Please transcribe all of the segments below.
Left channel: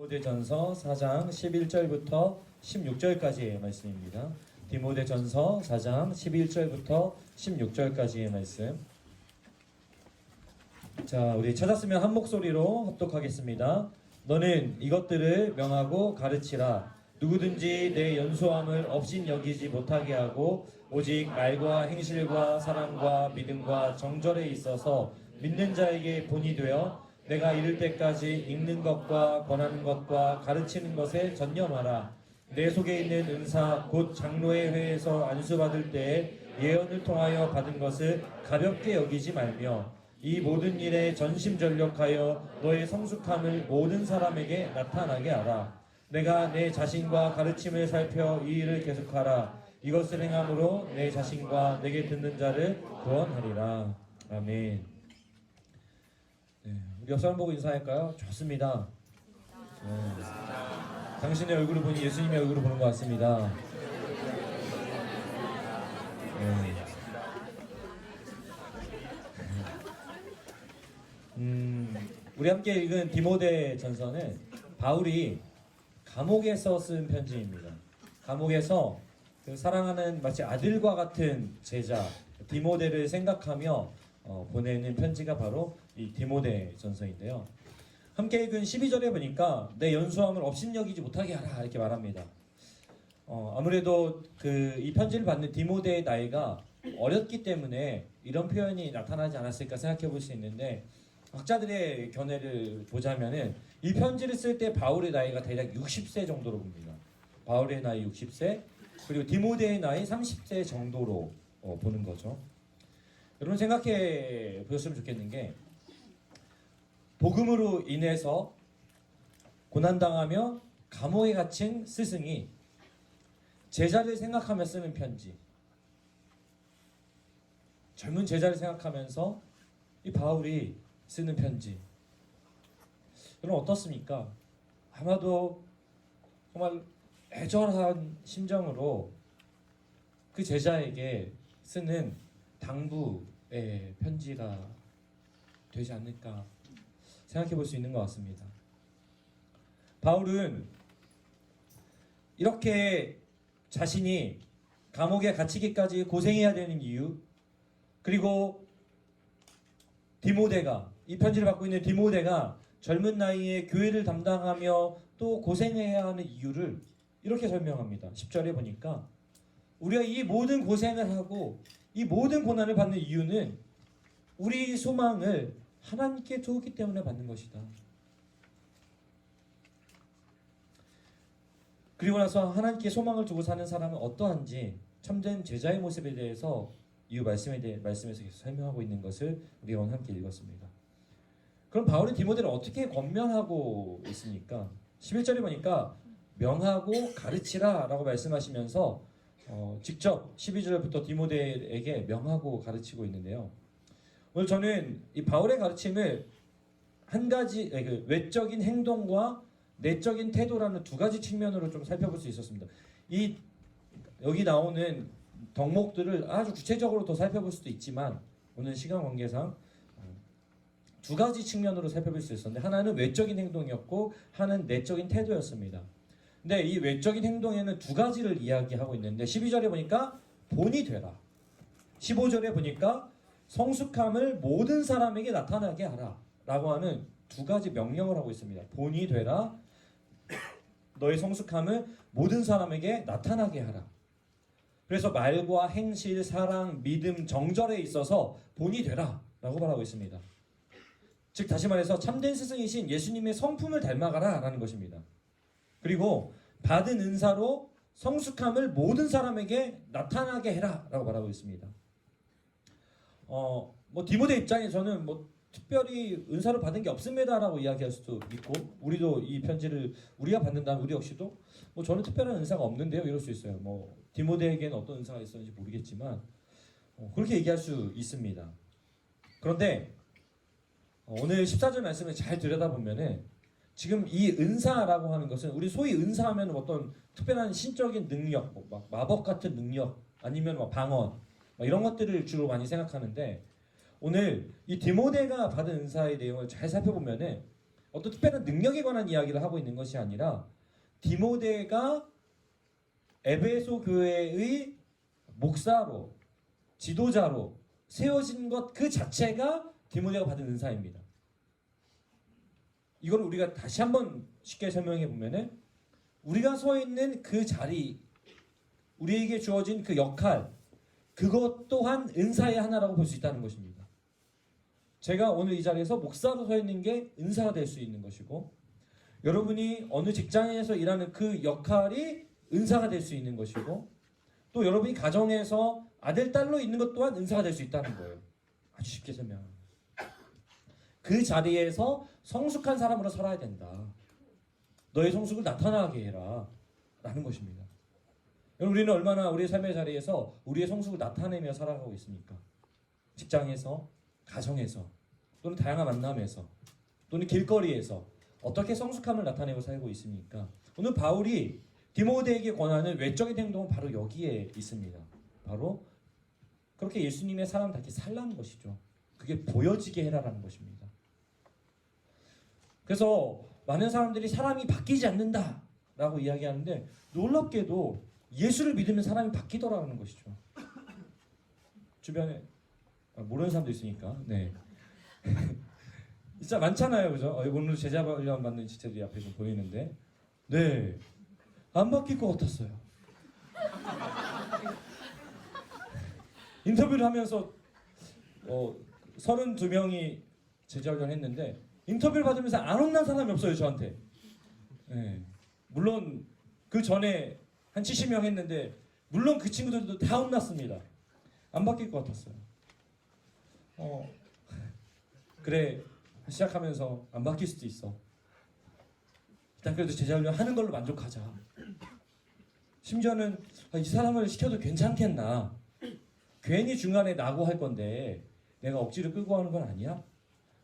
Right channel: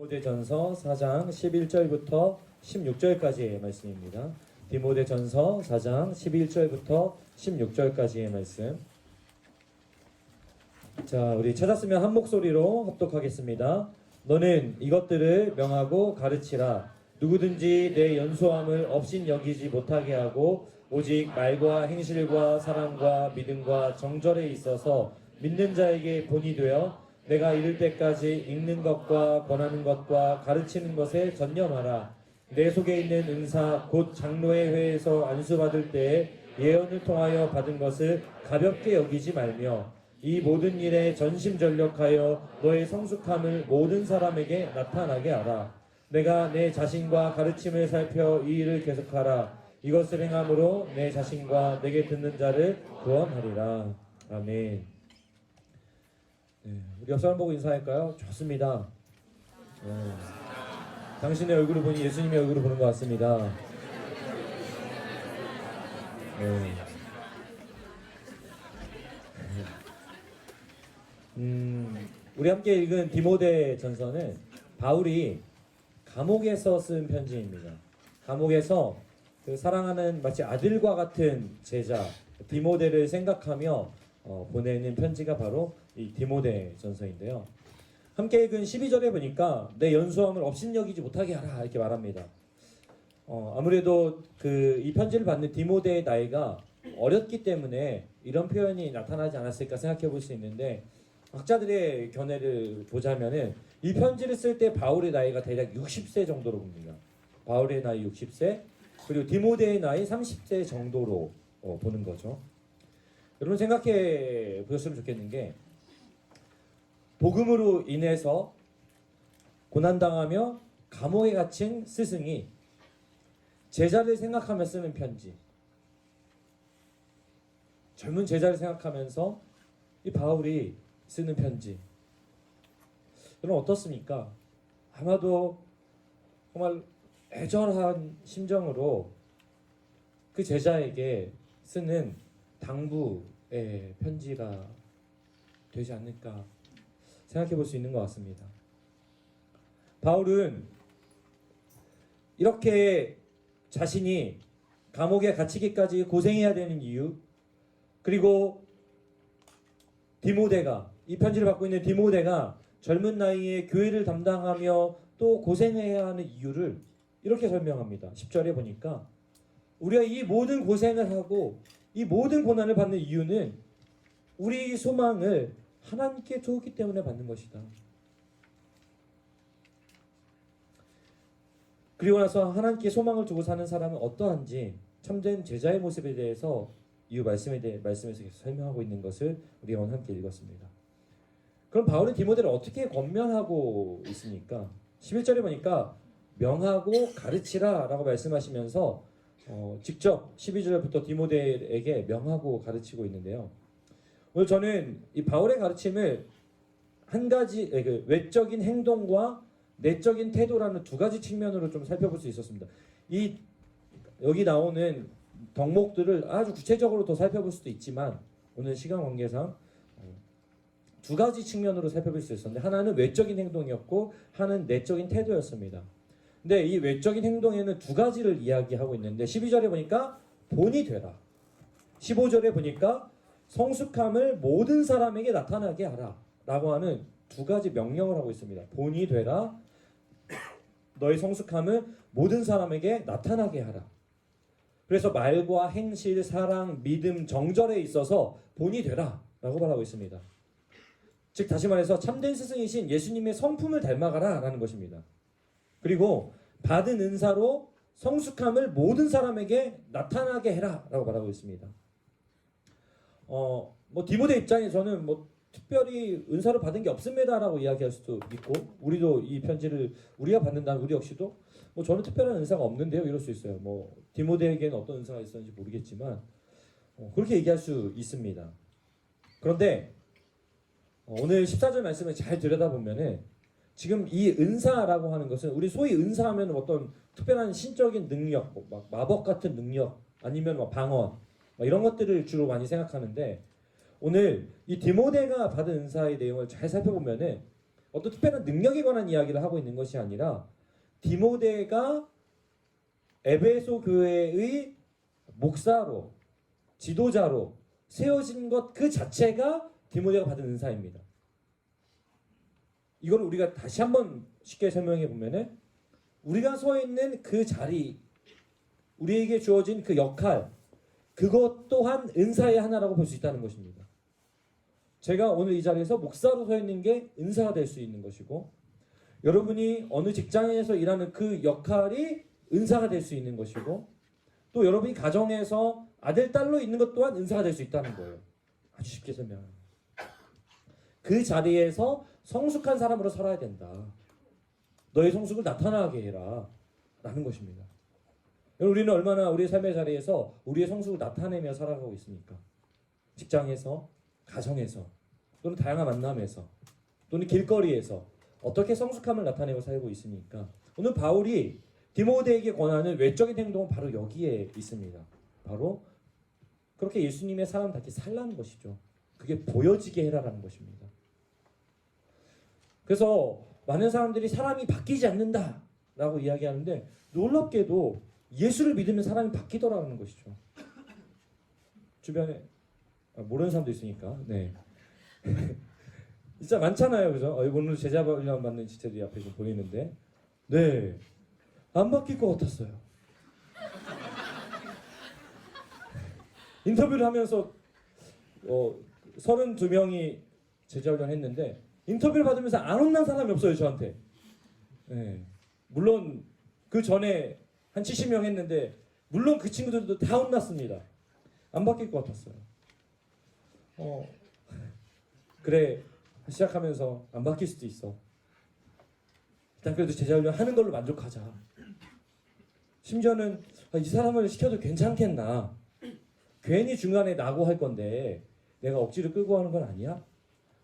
디모데전서 4장 11절부터 16절까지의 말씀입니다. 디모데전서 4장 11절부터 16절까지의 말씀. 자, 우리 찾았으면 한 목소리로 합독하겠습니다. 너는 이것들을 명하고 가르치라. 누구든지 내 연소함을 없인 여기지 못하게 하고 오직 말과 행실과 사랑과 믿음과 정절에 있어서 믿는 자에게 본이 되어 내가 이를 때까지 읽는 것과 권하는 것과 가르치는 것에 전념하라. 내 속에 있는 은사 곧 장로의 회에서 안수받을 때에 예언을 통하여 받은 것을 가볍게 여기지 말며 이 모든 일에 전심전력하여 너의 성숙함을 모든 사람에게 나타나게 하라. 내가 내 자신과 가르침을 살펴 이 일을 계속하라. 이것을 행함으로 내 자신과 내게 듣는 자를 구원하리라. 아멘. 네, 우리 옆 사람 보고 인사할까요? 좋습니다. 당신의 얼굴을 보니 예수님의 얼굴을 보는 것 같습니다. 우리 함께 읽은 디모데 전서는 바울이 감옥에서 쓴 편지입니다. 감옥에서 그 사랑하는 마치 아들과 같은 제자 디모데를 생각하며 보내는 편지가 바로 이 디모데 전서인데요. 함께 읽은 12절에 보니까 내 연소함을 업신여기지 못하게 하라 이렇게 말합니다. 아무래도 이 편지를 받는 디모데의 나이가 어렸기 때문에 이런 표현이 나타나지 않았을까 생각해 볼 수 있는데, 학자들의 견해를 보자면은 이 편지를 쓸 때 바울의 나이가 대략 60세 정도로 봅니다. 바울의 나이 60세, 그리고 디모데의 나이 30세 정도로 보는 거죠. 여러분 생각해 보셨으면 좋겠는 게, 복음으로 인해서 고난당하며 감옥에 갇힌 스승이 제자를 생각하며 쓰는 편지, 젊은 제자를 생각하면서 이 바울이 쓰는 편지, 여러분 어떻습니까? 아마도 정말 애절한 심정으로 그 제자에게 쓰는 당부의 편지가 되지 않을까 생각해 볼 수 있는 것 같습니다. 바울은 이렇게 자신이 감옥에 갇히기까지 고생해야 되는 이유, 그리고 디모데가, 이 편지를 받고 있는 디모데가 젊은 나이에 교회를 담당하며 또 고생해야 하는 이유를 이렇게 설명합니다. 10절에 보니까 우리가 이 모든 고생을 하고 이 모든 고난을 받는 이유는 우리 소망을 하나님께 주었기 때문에 받는 것이다. 그리고 나서 하나님께 소망을 두고 사는 사람은 어떠한지 참된 제자의 모습에 대해서 이 말씀에서 설명하고 있는 것을 우리가 오늘 함께 읽었습니다. 그럼 바울은 디모데를 어떻게 권면하고 있습니까? 11절에 보니까 명하고 가르치라 라고 말씀하시면서 직접 12절부터 디모데에게 명하고 가르치고 있는데요. 오늘 저는 이 바울의 가르침을 한 가지, 외적인 행동과 내적인 태도라는 두 가지 측면으로 좀 살펴볼 수 있었습니다. 여기 나오는 덕목들을 아주 구체적으로 더 살펴볼 수도 있지만 오늘 시간 관계상 두 가지 측면으로 살펴볼 수 있었는데, 하나는 외적인 행동이었고 하나는 내적인 태도였습니다. 근데 이 외적인 행동에는 두 가지를 이야기하고 있는데, 12절에 보니까 본이 되라, 15절에 보니까 성숙함을 모든 사람에게 나타나게 하라 라고 하는 두 가지 명령을 하고 있습니다. 본이 되라, 너의 성숙함을 모든 사람에게 나타나게 하라. 그래서 말과 행실, 사랑, 믿음, 정절에 있어서 본이 되라 라고 말하고 있습니다. 즉 다시 말해서 참된 스승이신 예수님의 성품을 닮아가라 라는 것입니다. 그리고 받은 은사로 성숙함을 모든 사람에게 나타나게 해라 라고 말하고 있습니다. 디모데 입장에서는 특별히 은사를 받은 게 없습니다 라고 이야기할 수도 있고, 우리도 이 편지를 우리가 받는다면 우리 역시도 저는 특별한 은사가 없는데요 이럴 수 있어요. 디모데에게는 어떤 은사가 있었는지 모르겠지만 그렇게 얘기할 수 있습니다. 그런데 오늘 14절 말씀을 잘 들여다보면은 지금 이 은사라고 하는 것은, 우리 소위 은사하면 어떤 특별한 신적인 능력, 마법 같은 능력, 아니면 방언 이런 것들을 주로 많이 생각하는데, 오늘 이 디모데가 받은 은사의 내용을 잘 살펴보면은 어떤 특별한 능력에 관한 이야기를 하고 있는 것이 아니라 디모데가 에베소 교회의 목사로 지도자로 세워진 것 그 자체가 디모데가 받은 은사입니다. 이걸 우리가 다시 한번 쉽게 설명해 보면은 우리가 서 있는 그 자리, 우리에게 주어진 그 역할, 그것 또한 은사의 하나라고 볼 수 있다는 것입니다. 제가 오늘 이 자리에서 목사로 서 있는 게 은사가 될 수 있는 것이고, 여러분이 어느 직장에서 일하는 그 역할이 은사가 될 수 있는 것이고, 또 여러분이 가정에서 아들, 딸로 있는 것 또한 은사가 될 수 있다는 거예요. 아주 쉽게 설명합니다. 그 자리에서 성숙한 사람으로 살아야 된다. 너의 성숙을 나타나게 해라. 라는 것입니다. 우리는 얼마나 우리의 삶의 자리에서 우리의 성숙을 나타내며 살아가고 있습니까? 직장에서, 가정에서, 또는 다양한 만남에서, 또는 길거리에서 어떻게 성숙함을 나타내고 살고 있습니까? 오늘 바울이 디모데에게 권하는 외적인 행동은 바로 여기에 있습니다. 바로 그렇게 예수님의 사람답게 살라는 것이죠. 그게 보여지게 해라라는 것입니다. 그래서 많은 사람들이 사람이 바뀌지 않는다 라고 이야기하는데, 놀랍게도 예수를 믿으면 사람이 바뀌더라는 것이죠. 주변에 모르는 사람도 있으니까. 네. 진짜 많잖아요, 그죠? 오늘 제자 훈련 받는 지체들이 앞에 지금 보이는데, 네, 안 바뀔 것 같았어요. 인터뷰를 하면서 32명이 제자 훈련 했는데, 인터뷰를 받으면서 안 혼난 사람이 없어요, 저한테. 네. 물론 그 전에 한 70명 했는데, 물론 그 친구들도 다 혼났습니다. 안 바뀔 것 같았어요. 그래, 시작하면서 안 바뀔 수도 있어. 일단 그래도 제자훈련 하는 걸로 만족하자. 심지어는 이 사람을 시켜도 괜찮겠나. 괜히 중간에 나고 할 건데 내가 억지로 끌고 가는 건 아니야?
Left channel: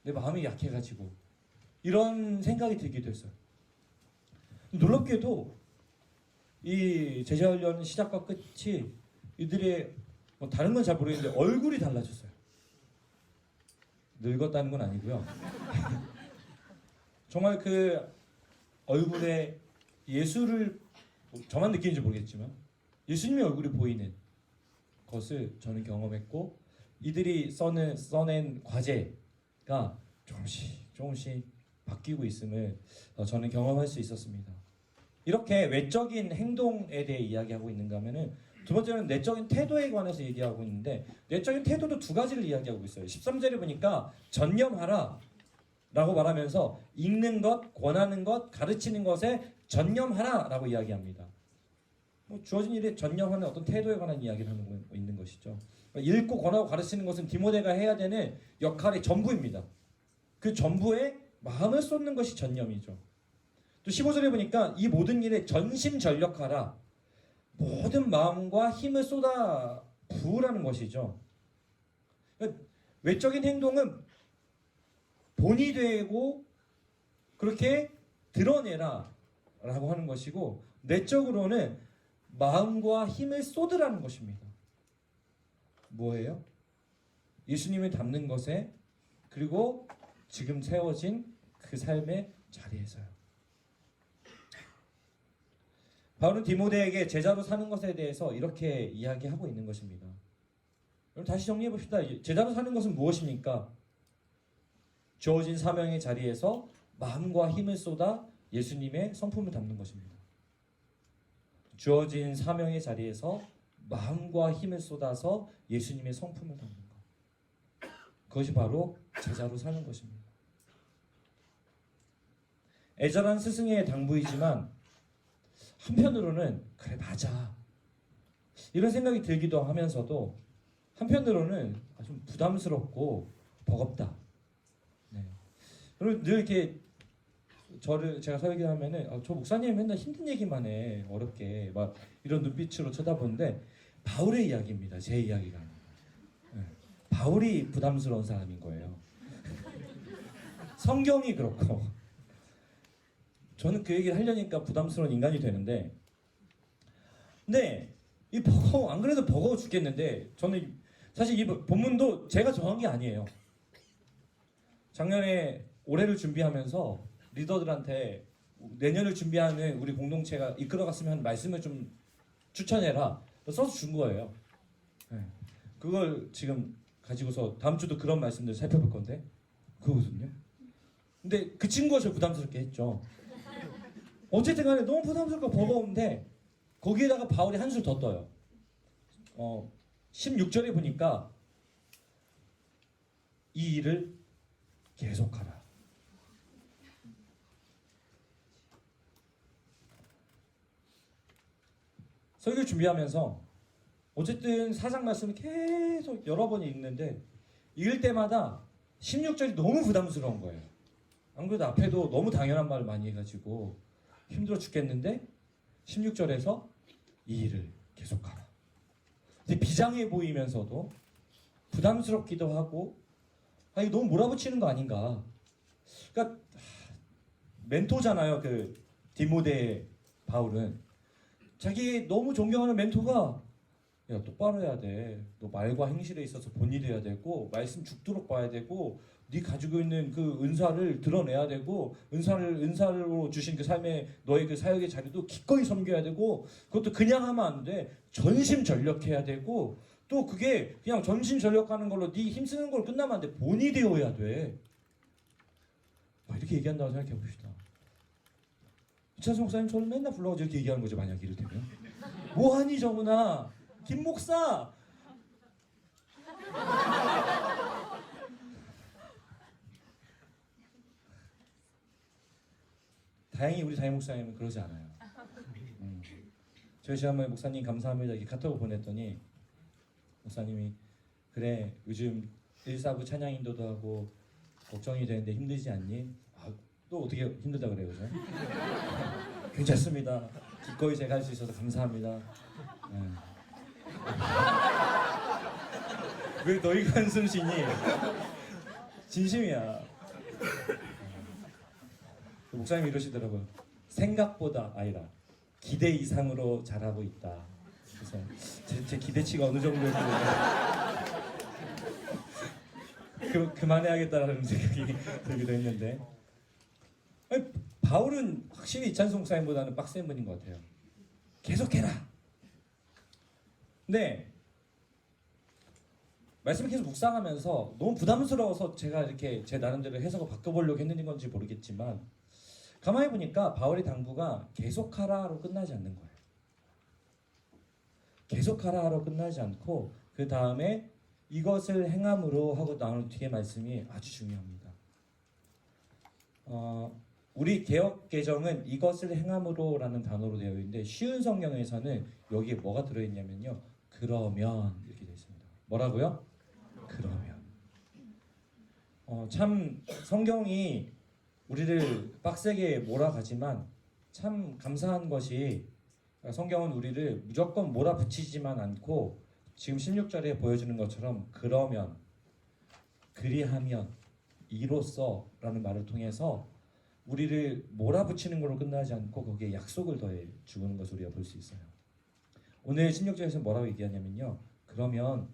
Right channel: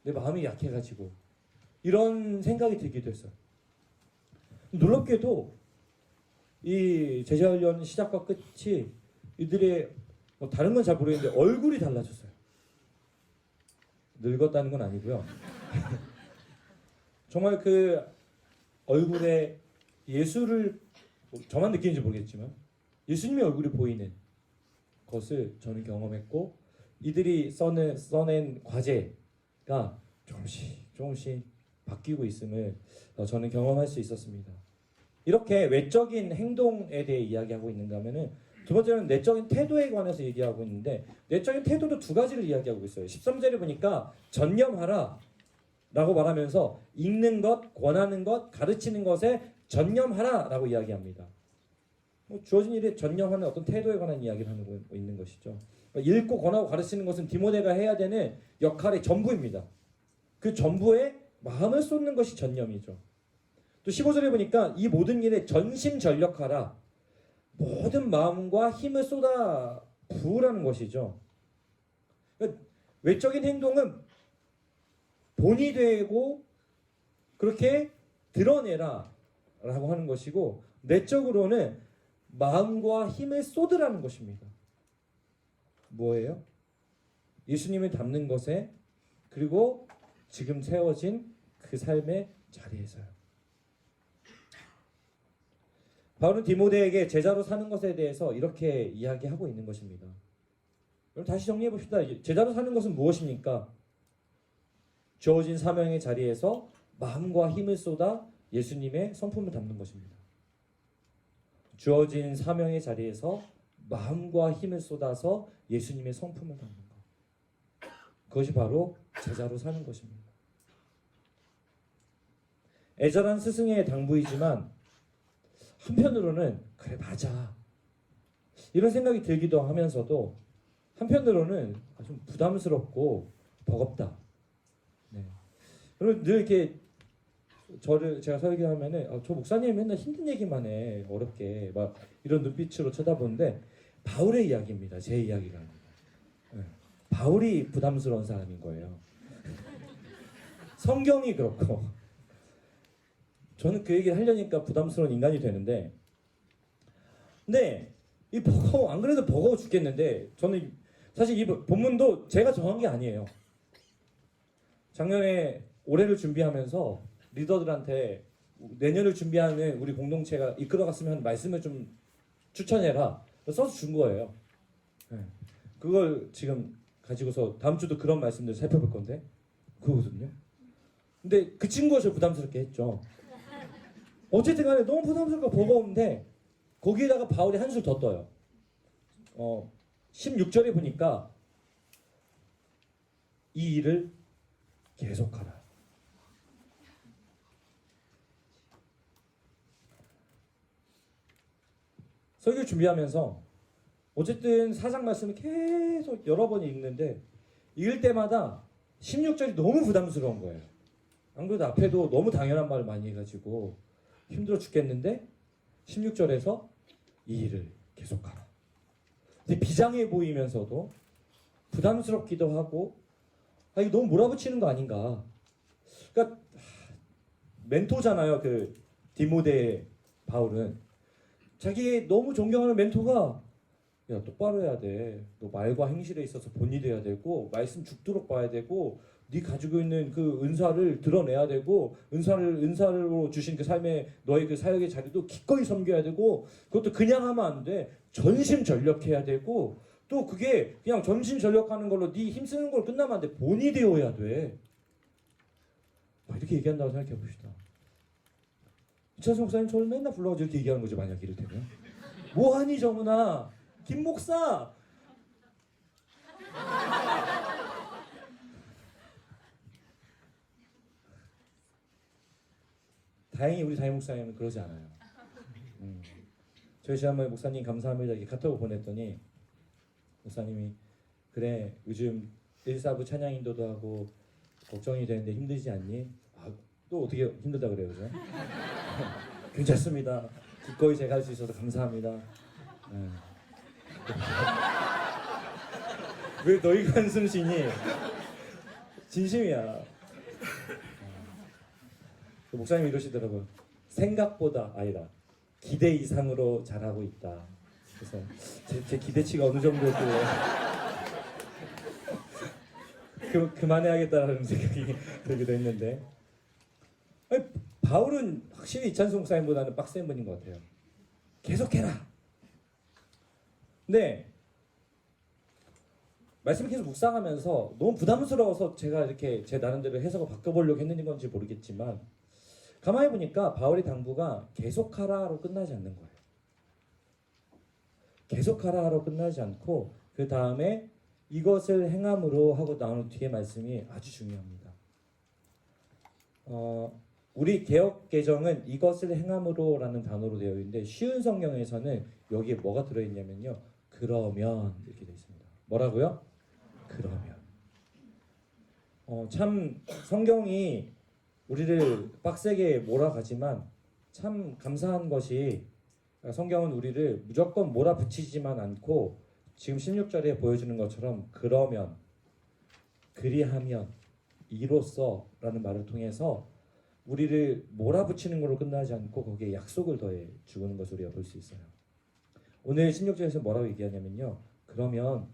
내 마음이 약해가지고. 이런 생각이 들기도 했어요. 놀랍게도 이 제자훈련 시작과 끝이 이들의 다른 건 잘 모르겠는데 얼굴이 달라졌어요. 늙었다는 건 아니고요. 정말 그 얼굴에 예수를, 저만 느끼는지 모르겠지만 예수님의 얼굴이 보이는 것을 저는 경험했고, 이들이 써낸 과제가 조금씩 바뀌고 있음을 저는 경험할 수 있었습니다. 이렇게 외적인 행동에 대해 이야기하고 있는가 하면은, 두 번째는 내적인 태도에 관해서 얘기하고 있는데, 내적인 태도도 두 가지를 이야기하고 있어요. 13절을 보니까 전념하라 라고 말하면서 읽는 것, 권하는 것, 가르치는 것에 전념하라 라고 이야기합니다. 주어진 일에 전념하는 어떤 태도에 관한 이야기를 하고 있는 것이죠. 읽고 권하고 가르치는 것은 디모데가 해야 되는 역할의 전부입니다. 그 전부에 마음을 쏟는 것이 전념이죠. 또 15절에 보니까 이 모든 일에 전심전력하라, 모든 마음과 힘을 쏟아 부으라는 것이죠. 그러니까 외적인 행동은 본이 되고 그렇게 드러내라 라고 하는 것이고, 내적으로는 마음과 힘을 쏟으라는 것입니다. 뭐예요? 예수님을 닮는 것에, 그리고 지금 세워진 그 삶의 자리에서요. 바울은 디모데에게 제자로 사는 것에 대해서 이렇게 이야기하고 있는 것입니다. 그럼 다시 정리해 봅시다. 제자로 사는 것은 무엇입니까? 주어진 사명의 자리에서 마음과 힘을 쏟아 예수님의 성품을 담는 것입니다. 주어진 사명의 자리에서 마음과 힘을 쏟아서 예수님의 성품을 담는 것. 그것이 바로 제자로 사는 것입니다. 애절한 스승의 당부이지만 한편으로는 그래 맞아 이런 생각이 들기도 하면서도, 한편으로는 좀 부담스럽고 버겁다. 네. 그리고 늘 이렇게 제가 설교하면은 저 목사님 맨날 힘든 얘기만 해, 어렵게 막 이런 눈빛으로 쳐다보는데, 바울의 이야기입니다. 제 이야기가. 네. 바울이 부담스러운 사람인 거예요. 성경이 그렇고, 저는 그 얘기를 하려니까 부담스러운 인간이 되는데, 근데 이 버거워, 안 그래도 버거워 죽겠는데, 저는 사실 이 본문도 제가 정한 게 아니에요. 작년에 올해를 준비하면서 리더들한테 내년을 준비하는 우리 공동체가 이끌어갔으면 하는 말씀을 좀 추천해라. 써서 준 거예요. 네. 그걸 지금 가지고서 다음 주도 그런 말씀들 살펴볼 건데 그거거든요. 근데 그 친구가 저 부담스럽게 했죠. 어쨌든 간에 너무 부담스럽고 버거운데 거기에다가 바울이 한 줄 더 떠요. 16절에 보니까 이 일을 계속하라. 설교 준비하면서 어쨌든 사장 말씀을 계속 여러 번 읽는데 읽을 때마다 16절이 너무 부담스러운 거예요. 안 그래도 앞에도 너무 당연한 말을 많이 해가지고 힘들어 죽겠는데 16절에서 이 일을 계속하라. 근데 비장해 보이면서도 부담스럽기도 하고 이거 너무 몰아붙이는 거 아닌가. 그러니까 멘토잖아요. 그 디모데 바울은 자기 너무 존경하는 멘토가 야 똑바로 해야 돼. 너 말과 행실에 있어서 본일해야 되고 말씀 죽도록 봐야 되고 네 가지고 있는 그 은사를 드러내야 되고 은사로 주신 그 삶의 너의 그 사역의 자리도 기꺼이 섬겨야 되고 그것도 그냥 하면 안 돼. 전심전력해야 되고 또 그게 그냥 전심전력하는 걸로 네 힘쓰는 걸로 끝나면 안 돼. 본이 되어야 돼. 이렇게 얘기한다고 생각해 봅시다. 이찬수 목사님 저를 맨날 불러가지고 이렇게 얘기하는 거죠. 만약 이를테면 뭐하니 저문아 김 목사 다행히 우리 담임 목사님은 그러지 않아요. 저희 지난번에 목사님 감사합니다 이렇게 카톡을 보냈더니 목사님이 그래 요즘 1사부 찬양 인도도 하고 걱정이 되는데 힘들지 않니? 또 어떻게 힘들다 그래요? 그죠? 괜찮습니다. 기꺼이 제가 할 수 있어서 감사합니다. 왜 너희가 한숨 쉬니? 진심이야. 목사님이 이러시더라고요. 생각보다 아니라 기대 이상으로 잘하고 있다. 그래서 제 기대치가 어느 정도일지 그만해야겠다는 생각이 들기도 했는데 아니, 바울은 확실히 이찬수 목사님보다는 빡센 분인 것 같아요. 계속해라. 근데 말씀을 계속 묵상하면서 너무 부담스러워서 제가 이렇게 제 나름대로 해석을 바꿔보려고 했는 건지 모르겠지만 가만히 보니까 바울의 당부가 계속하라로 끝나지 않는 거예요. 계속하라로 끝나지 않고 그 다음에 이것을 행함으로 하고 나오는 뒤에 말씀이 아주 중요합니다. 우리 개역 개정은 이것을 행함으로라는 단어로 되어 있는데 쉬운 성경에서는 여기에 뭐가 들어있냐면요. 그러면 이렇게 되어 있습니다. 뭐라고요? 그러면. 참 성경이 우리를 빡세게 몰아가지만 참 감사한 것이 성경은 우리를 무조건 몰아붙이지만 않고 지금 16절에 보여주는 것처럼 그러면, 그리하면, 이로써 라는 말을 통해서 우리를 몰아붙이는 걸로 끝나지 않고 거기에 약속을 더해 주는 것을 우리가 볼 수 있어요. 오늘 16절에서 뭐라고 얘기하냐면요. 그러면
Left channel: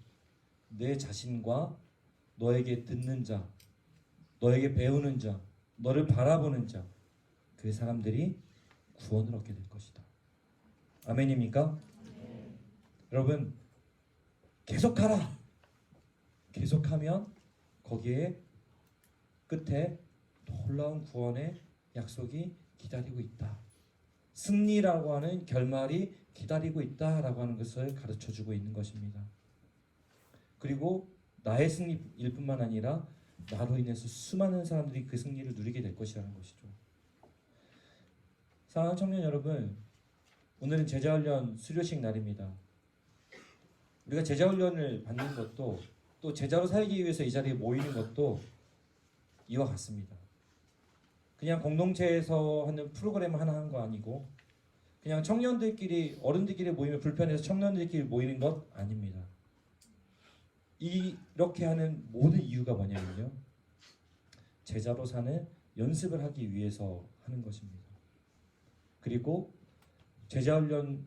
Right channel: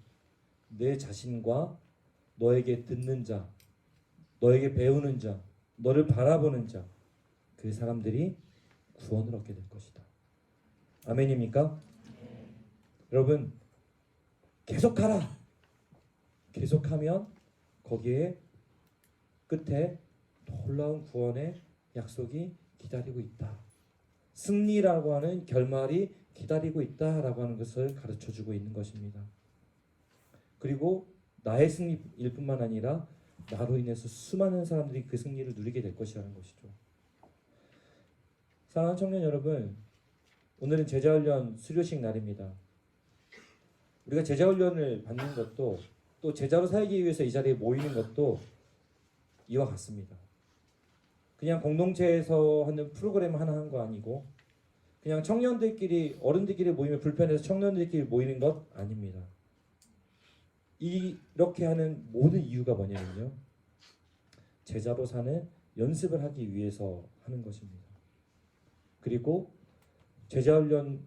내 자신과 너에게 듣는 자, 너에게 배우는 자, 너를 바라보는 자, 그 사람들이 구원을 얻게 될 것이다. 아멘입니까? 여러분 계속하라. 계속하면 거기에 끝에 놀라운 구원의 약속이 기다리고 있다. 승리라고 하는 결말이 기다리고 있다라고 하는 것을 가르쳐주고 있는 것입니다. 그리고 나의 승리일 뿐만 아니라 나로 인해서 수많은 사람들이 그 승리를 누리게 될 것이라는 것이죠. 사랑하는 청년 여러분, 오늘은 제자훈련 수료식 날입니다. 우리가 제자훈련을 받는 것도 또 제자로 살기 위해서 이 자리에 모이는 것도 이와 같습니다. 그냥 공동체에서 하는 프로그램 하나 하는 거 아니고 그냥 청년들끼리 어른들끼리 모이면 불편해서 청년들끼리 모이는 것 아닙니다. 이렇게 하는 모든 이유가 뭐냐면요. 제자로 사는 연습을 하기 위해서 하는 것입니다. 그리고 제자훈련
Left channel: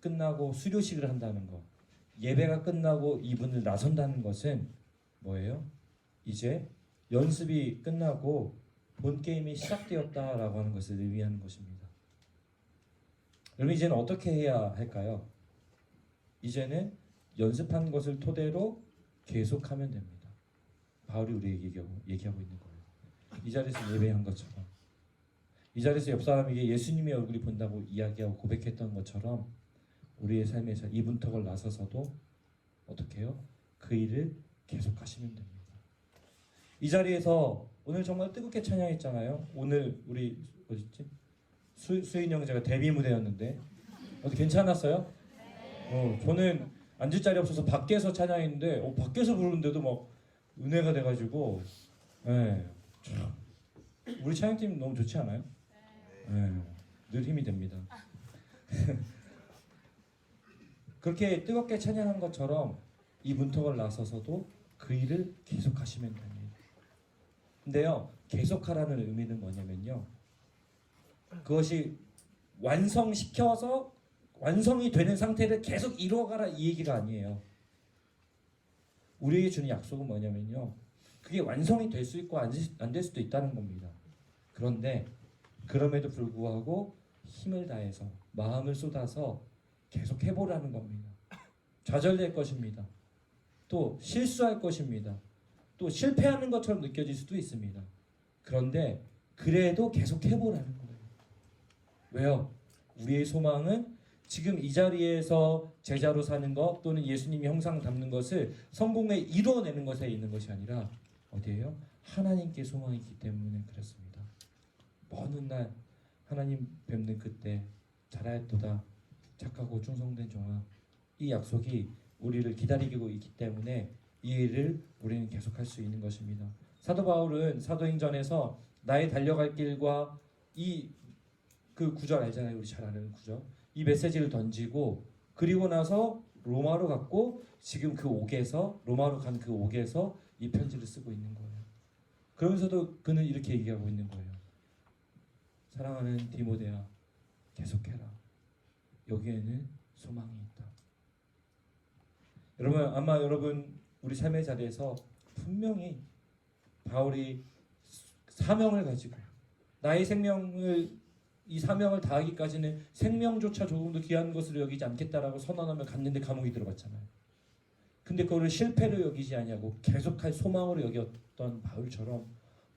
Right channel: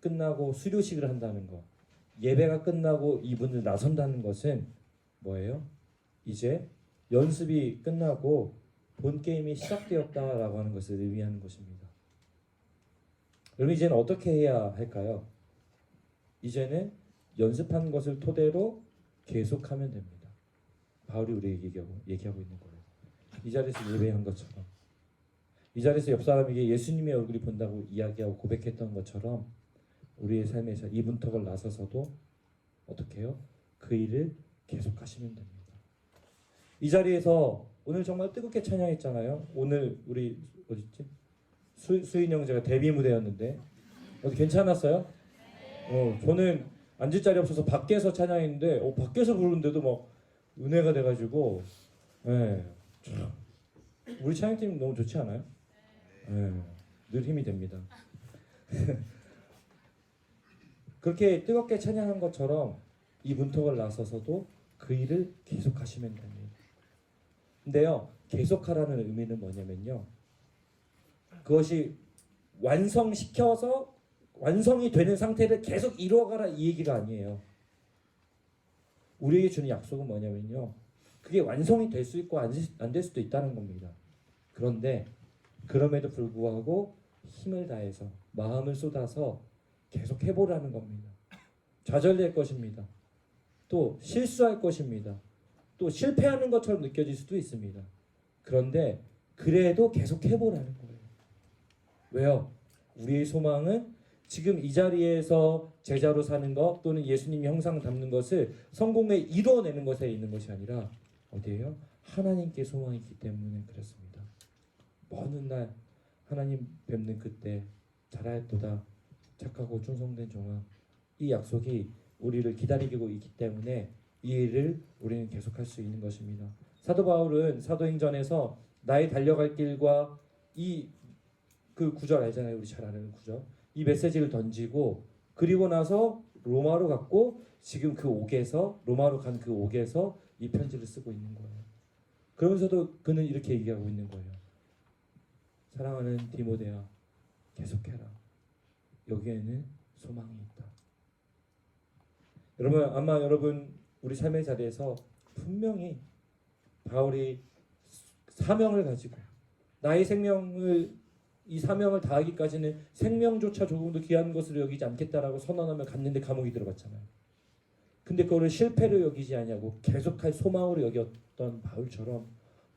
끝나고 수료식을 한다는 것, 예배가 끝나고 이분을 나선다는 것은 뭐예요? 이제 연습이 끝나고 본 게임이 시작되었다라고 하는 것을 의미하는 것입니다. 여러분 이제는 어떻게 해야 할까요? 이제는 연습한 것을 토대로 계속하면 됩니다. 바울이 우리에게 얘기하고 있는 거예요. 이 자리에서 예배한 것처럼, 이 자리에서 옆 사람에게 예수님의 얼굴이 본다고 이야기하고 고백했던 것처럼 우리의 삶에서 이 문턱을 나서서도 어떻게 해요? 그 일을 계속하시면 됩니다. 이 자리에서 오늘 정말 뜨겁게 찬양했잖아요. 오늘 우리 어딨지? 수인 형제가 데뷔 무대였는데 어디 괜찮았어요? 저는 앉을 자리 없어서 밖에서 찬양했는데 밖에서 부르는데도 막 은혜가 돼가지고 네. 우리 찬양팀 너무 좋지 않아요? 네. 늘 힘이 됩니다. 그렇게 뜨겁게 찬양한 것처럼 이 문턱을 나서서도 그 일을 계속하시면 됩니다. 근데요, 계속하라는 의미는 뭐냐면요, 그것이 완성시켜서 완성이 되는 상태를 계속 이루어가라 이 얘기가 아니에요. 우리에게 주는 약속은 뭐냐면요, 그게 완성이 될 수 있고 안 될 수도 있다는 겁니다. 그런데 그럼에도 불구하고 힘을 다해서 마음을 쏟아서 계속 해보라는 겁니다. 좌절될 것입니다. 또 실수할 것입니다. 또 실패하는 것처럼 느껴질 수도 있습니다. 그런데 그래도 계속 해보라는 거예요. 왜요? 우리의 소망은 지금 이 자리에서 제자로 사는 것 또는 예수님의 형상 담는 것을 성공에 이루어내는 것에 있는 것이 아니라 어디에요? 하나님께 소망이 있기 때문에 그렇습니다. 먼 훗날 하나님 뵙는 그때 잘하였도다 착하고 충성된 종아, 이 약속이 우리를 기다리고 있기 때문에 이 일을 우리는 계속할 수 있는 것입니다. 사도 바울은 사도행전에서 나의 달려갈 길과 그 구절 알잖아요. 우리 잘 아는 구절. 이 메시지를 던지고 그리고 나서 로마로 갔고 지금 그 옥에서 로마로 간 그 옥에서 이 편지를 쓰고 있는 거예요. 그러면서도 그는 이렇게 얘기하고 있는 거예요. 사랑하는 디모데야, 계속해라. 여기에는 소망이 있다. 여러분 우리 삶의 자리에서 분명히 바울이 사명을 가지고 나의 생명을 이 사명을 다하기까지는 생명조차 조금도 귀한 것으로 여기지 않겠다라고 선언하며 갔는데 감옥이 들어갔잖아요. 근데 그거를 실패로 여기지 아니하고 계속할 소망으로 여겼던 바울처럼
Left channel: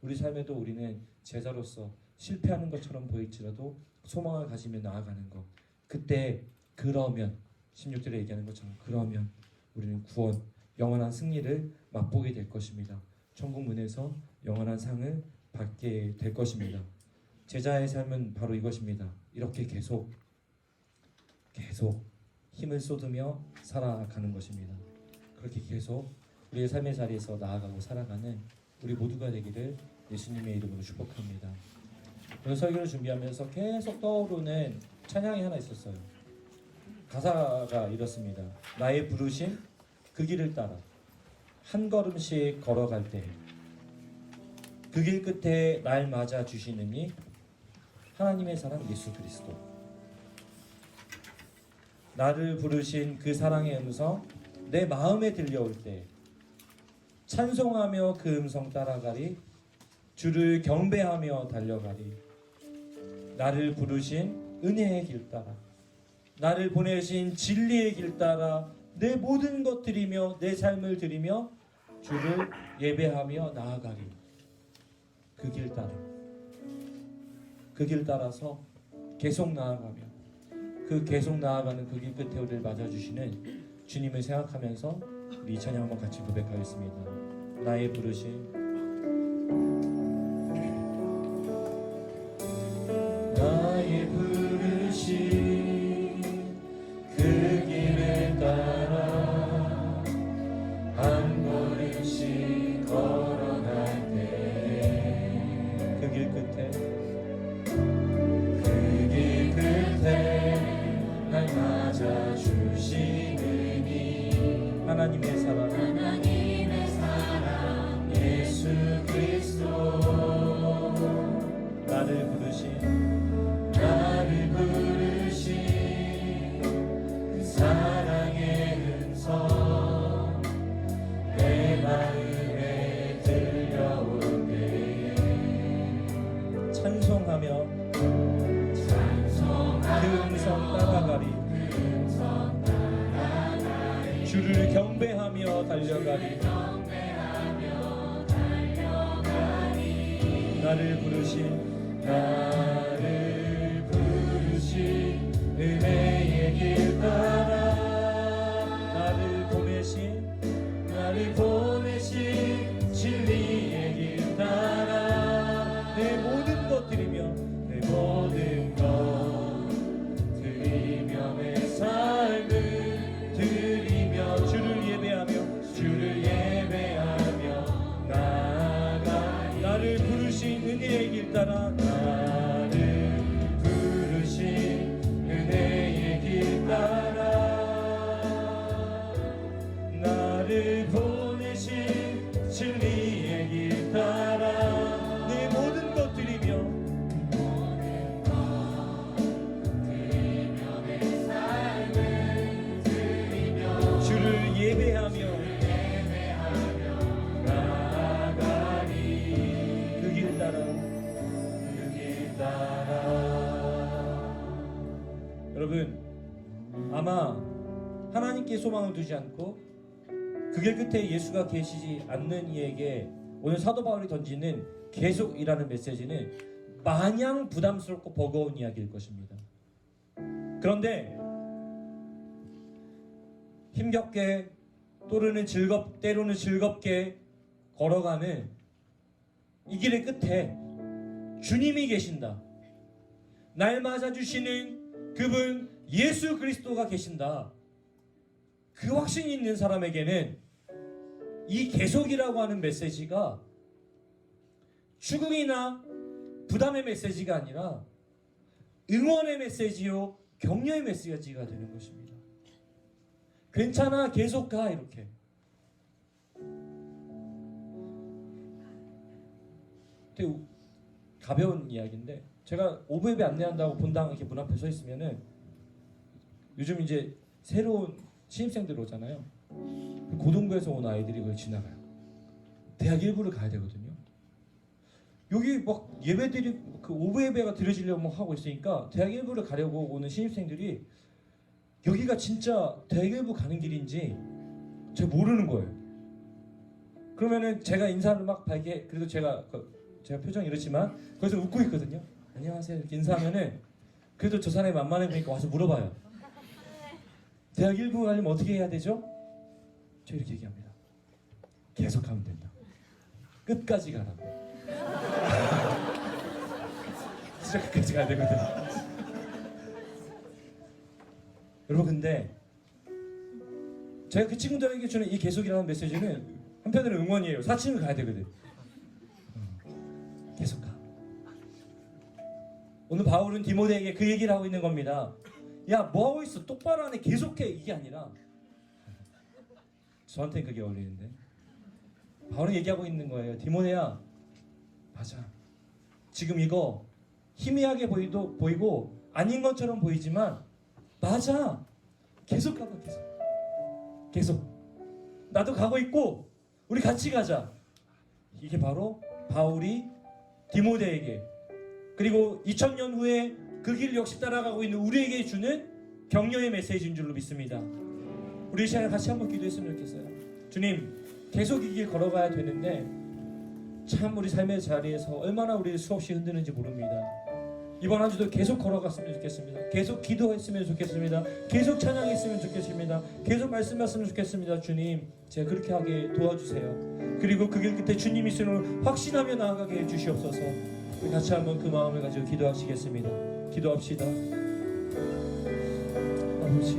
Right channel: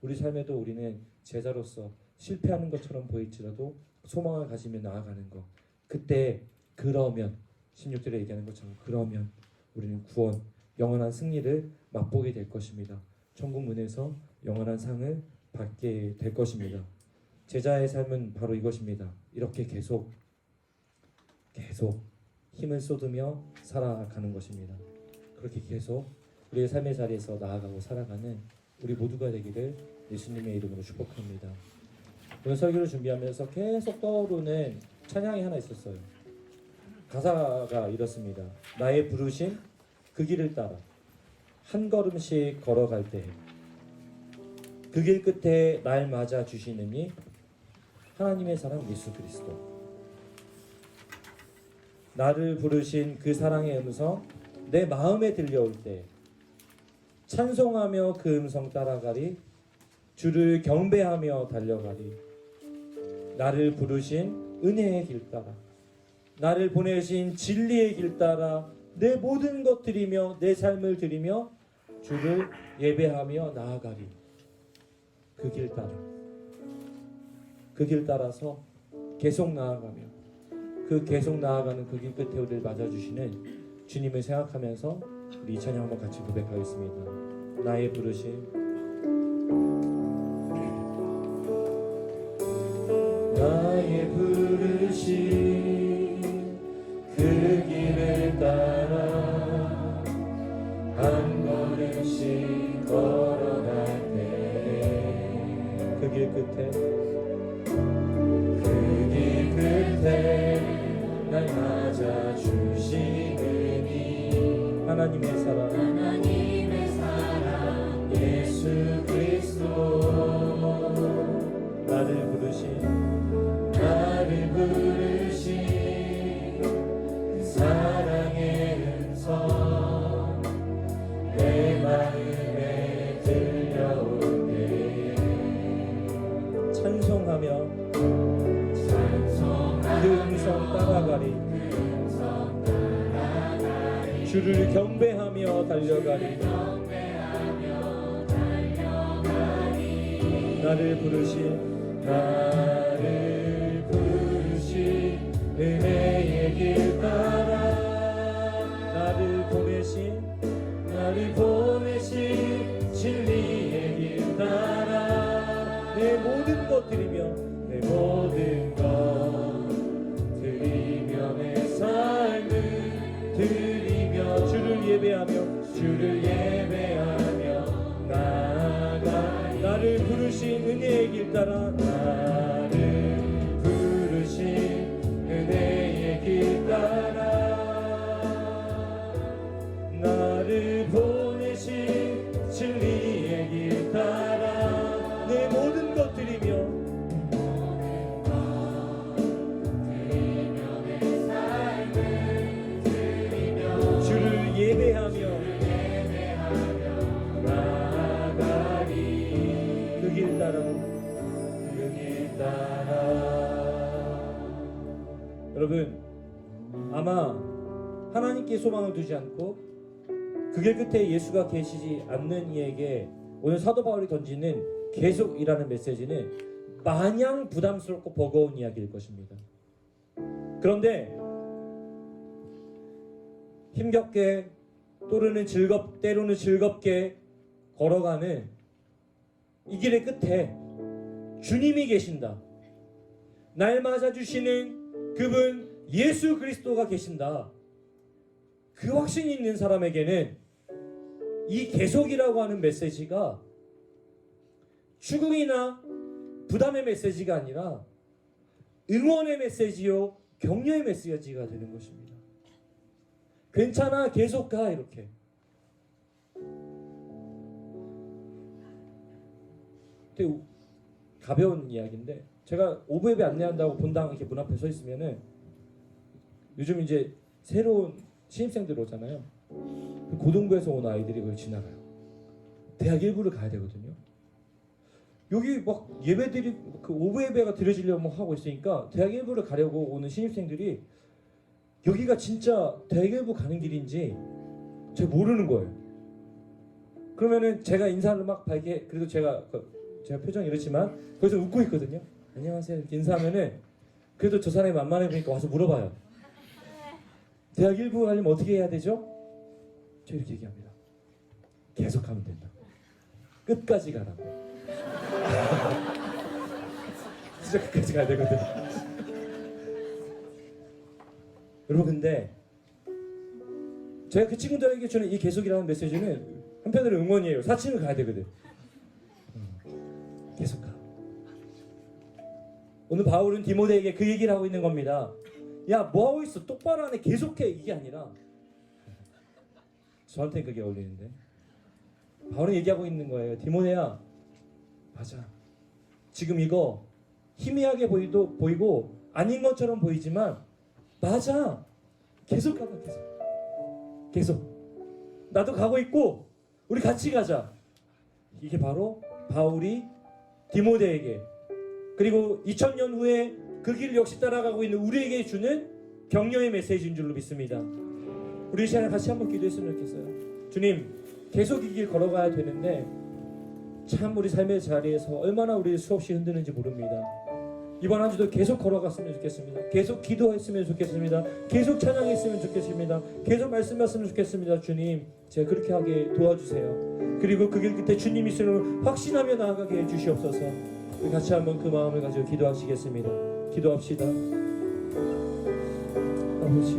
우리 삶에도 우리는 제자로서 실패하는 것처럼 보일지라도 소망을 가지며 나아가는 것. 그때 그러면 16절에 얘기하는 것처럼 그러면 우리는 구원, 영원한 승리를 맛보게 될 것입니다. 천국 문에서 영원한 상을 받게 될 것입니다. 제자의 삶은 바로 이것입니다. 이렇게 계속 힘을 쏟으며 살아가는 것입니다. 그렇게 계속 우리의 삶의 자리에서 나아가고 살아가는 우리 모두가 되기를 예수님의 이름으로 축복합니다. 오늘 설교를 준비하면서 계속 떠오르는 찬양이 하나 있었어요. 가사가 이렇습니다. 나의 부르심 그 길을 따라 한 걸음씩 걸어갈 때 그 길 끝에 날 맞아 주시느니 하나님의 사랑 예수 그리스도. 나를 부르신 그 사랑의 음성 내 마음에 들려올 때 찬송하며 그 음성 따라가리. 주를 경배하며 달려가리. 나를 부르신 은혜의 길 따라 나를 보내신 진리의 길 따라 내 모든 것 드리며 내 삶을 드리며 주를 예배하며 나아가리. 그 길 따라 그 길 따라서 계속 나아가며 그 계속 나아가는 그 길 끝에 우리를 맞아주시는 주님을 생각하면서 우리 찬양 한번 같이 고백하겠습니다. 나의 부르심 나의 부르심 그 길을 따라 한 걸음씩 걸어갈 때 그 길 끝에 날 맞아 주시느니 하나님의 사랑 예수 그리스도. 나를 부르신 부르신 나를 부르신 은혜의 길 따라 나를 보내신 진리의 길 따라 내 모든 것 드리며 내 모든 것 드리며 내 삶을 드리며 주를 예배하며 나아가리 나를 부르신 은혜의 길 따라 나를 부르신 은혜의 길 따라 나를 보내신 진리의 길 따라 내 모든 것 드리며 내 삶을 드리며 주를 예배하며 나아가리 그 길 따라 여러분 아마 하나님께 소망을 두지 않고 그 길 끝에 예수가 계시지 않는 이에게 오늘 사도 바울이 던지는 계속이라는 메시지는 마냥 부담스럽고 버거운 이야기일 것입니다. 그런데 힘겹게 때로는 즐겁게 걸어가는 이 길의 끝에 주님이 계신다. 날 맞아주시는 그분 예수 그리스도가 계신다. 그 확신이 있는 사람에게는 이 계속이라고 하는 메시지가 죽음이나 부담의 메시지가 아니라 응원의 메시지요 격려의 메시지가 되는 것입니다. 괜찮아 계속 가 이렇게 되게 가벼운 이야기인데 제가 오브 예배 안내한다고 본당 이렇게 문 앞에 서 있으면은 요즘 이제 새로운 신입생들 오잖아요. 고등부에서 온 아이들이 그걸 지나가요. 대학 1부를 가야 되거든요. 여기 막 예배들이 그 오브 예배가 드려지려고 하고 있으니까 대학 1부를 가려고 오는 신입생들이 여기가 진짜 대학 1부 가는 길인지 제가 모르는 거예요. 그러면은 제가 인사를 막 밝게 그래도 제가 표정이 이렇지만 거기서 웃고 있거든요. 안녕하세요 이렇게 인사하면은 그래도 저 사람이 만만해 보니까 와서 물어봐요. 대학 1부 하려면 어떻게 해야 되죠? 저 이렇게 얘기합니다. 계속하면 된다. 끝까지 가라. 진짜 끝까지 가야 되거든. 여러분 근데 제가 그 친구들에게 주는 이 계속이라는 메시지는 한편으로 응원이에요. 사칭을 가야 되거든. 계속 가. 오늘 바울은 디모데에게 그 얘기를 하고 있는 겁니다. 야 뭐하고 있어 똑바로 하네 계속해 이게 아니라 저한테는 그게 어울리는데 바울은 얘기하고 있는 거예요. 디모데야 맞아 지금 이거 희미하게 보이고 아닌 것처럼 보이지만 맞아 계속 가봐 계속 나도 가고 있고 우리 같이 가자. 이게 바로 바울이 디모데에게 그리고 2000년 후에 그 길 역시 따라가고 있는 우리에게 주는 격려의 메시지인 줄로 믿습니다. 우리 이 시간에 같이 한번 기도했으면 좋겠어요. 주님 계속 이 길 걸어가야 되는데 참 우리 삶의 자리에서 얼마나 우리 수없이 흔드는지 모릅니다. 이번 한 주도 계속 걸어갔으면 좋겠습니다. 계속 기도했으면 좋겠습니다. 계속 찬양했으면 좋겠습니다. 계속 말씀했으면 좋겠습니다. 주님 제가 그렇게 하게 도와주세요. 그리고 그 길 끝에 주님이 있음을 확신하며 나아가게 해주시옵소서. 같이 한번 그 마음을 가지고 기도하시겠습니다. 기도합시다. 아버지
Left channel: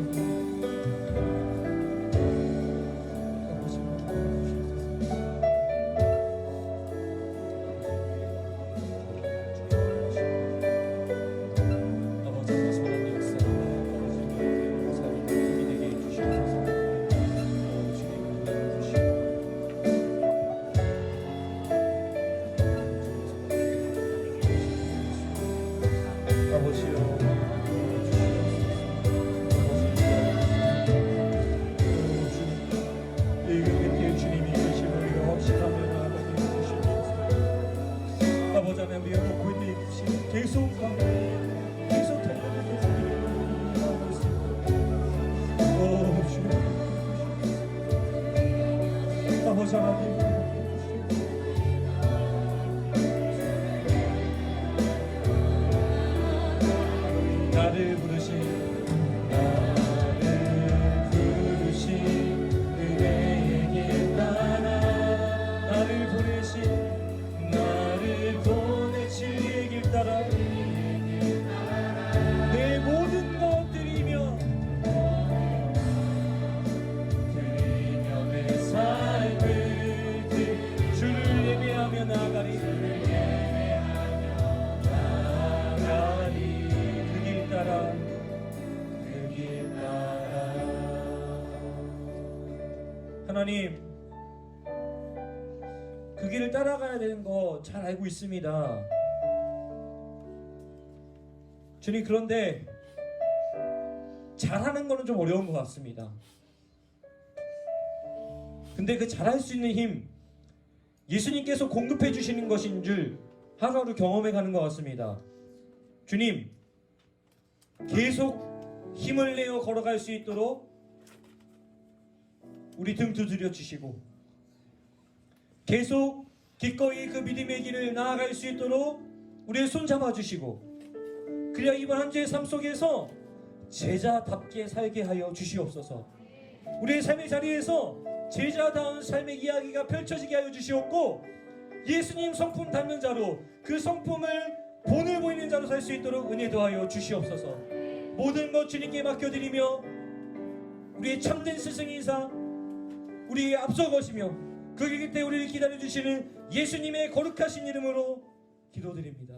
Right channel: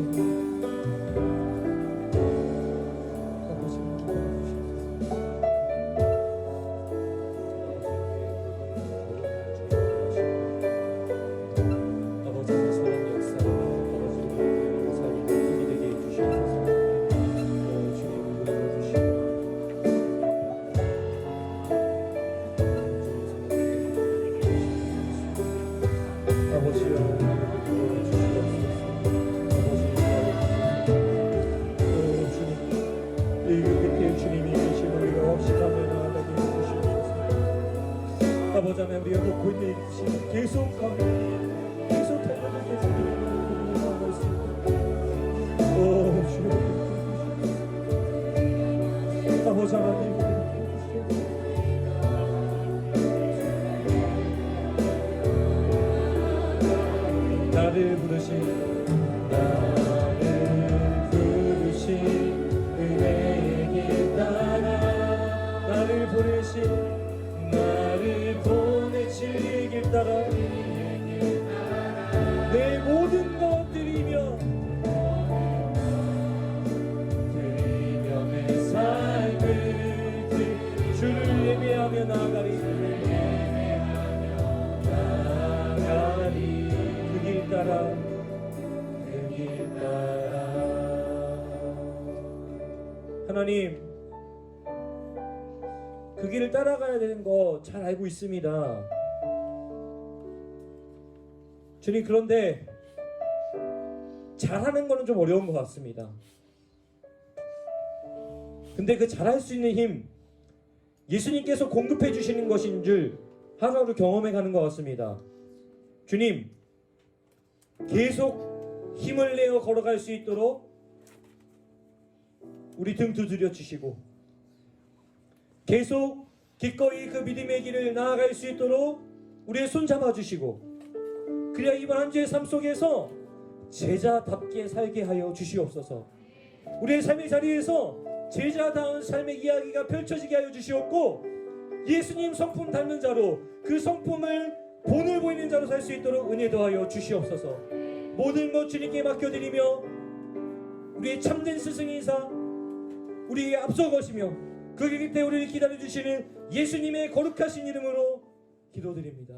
아버지여 그 길을 따라가야 되는 거 잘 알고 있습니다. 주님, 그런데 잘하는 거는 좀 어려운 것 같습니다. 근데 그 잘할 수 있는 힘, 예수님께서 공급해 주시는 것인 줄 하루하루 경험해 가는 것 같습니다. 주님, 계속 힘을 내어 걸어갈 수 있도록 우리 등 두드려 주시고, 계속 기꺼이 그 믿음의 길을 나아갈 수 있도록 우리의 손 잡아 주시고, 그래야 이번 한 주의 삶 속에서 제자답게 살게 하여 주시옵소서. 우리의 삶의 자리에서 제자다운 삶의 이야기가 펼쳐지게 하여 주시옵고, 예수님 성품 닮는 자로 그 성품을 본을 보이는 자로 살 수 있도록 은혜 더하여 주시옵소서. 모든 것 주님께 맡겨드리며 우리의 참된 스승이사 우리에게 앞서 가시며 그 길 때 우리를 기다려 주시는 예수님의 거룩하신 이름으로 기도드립니다.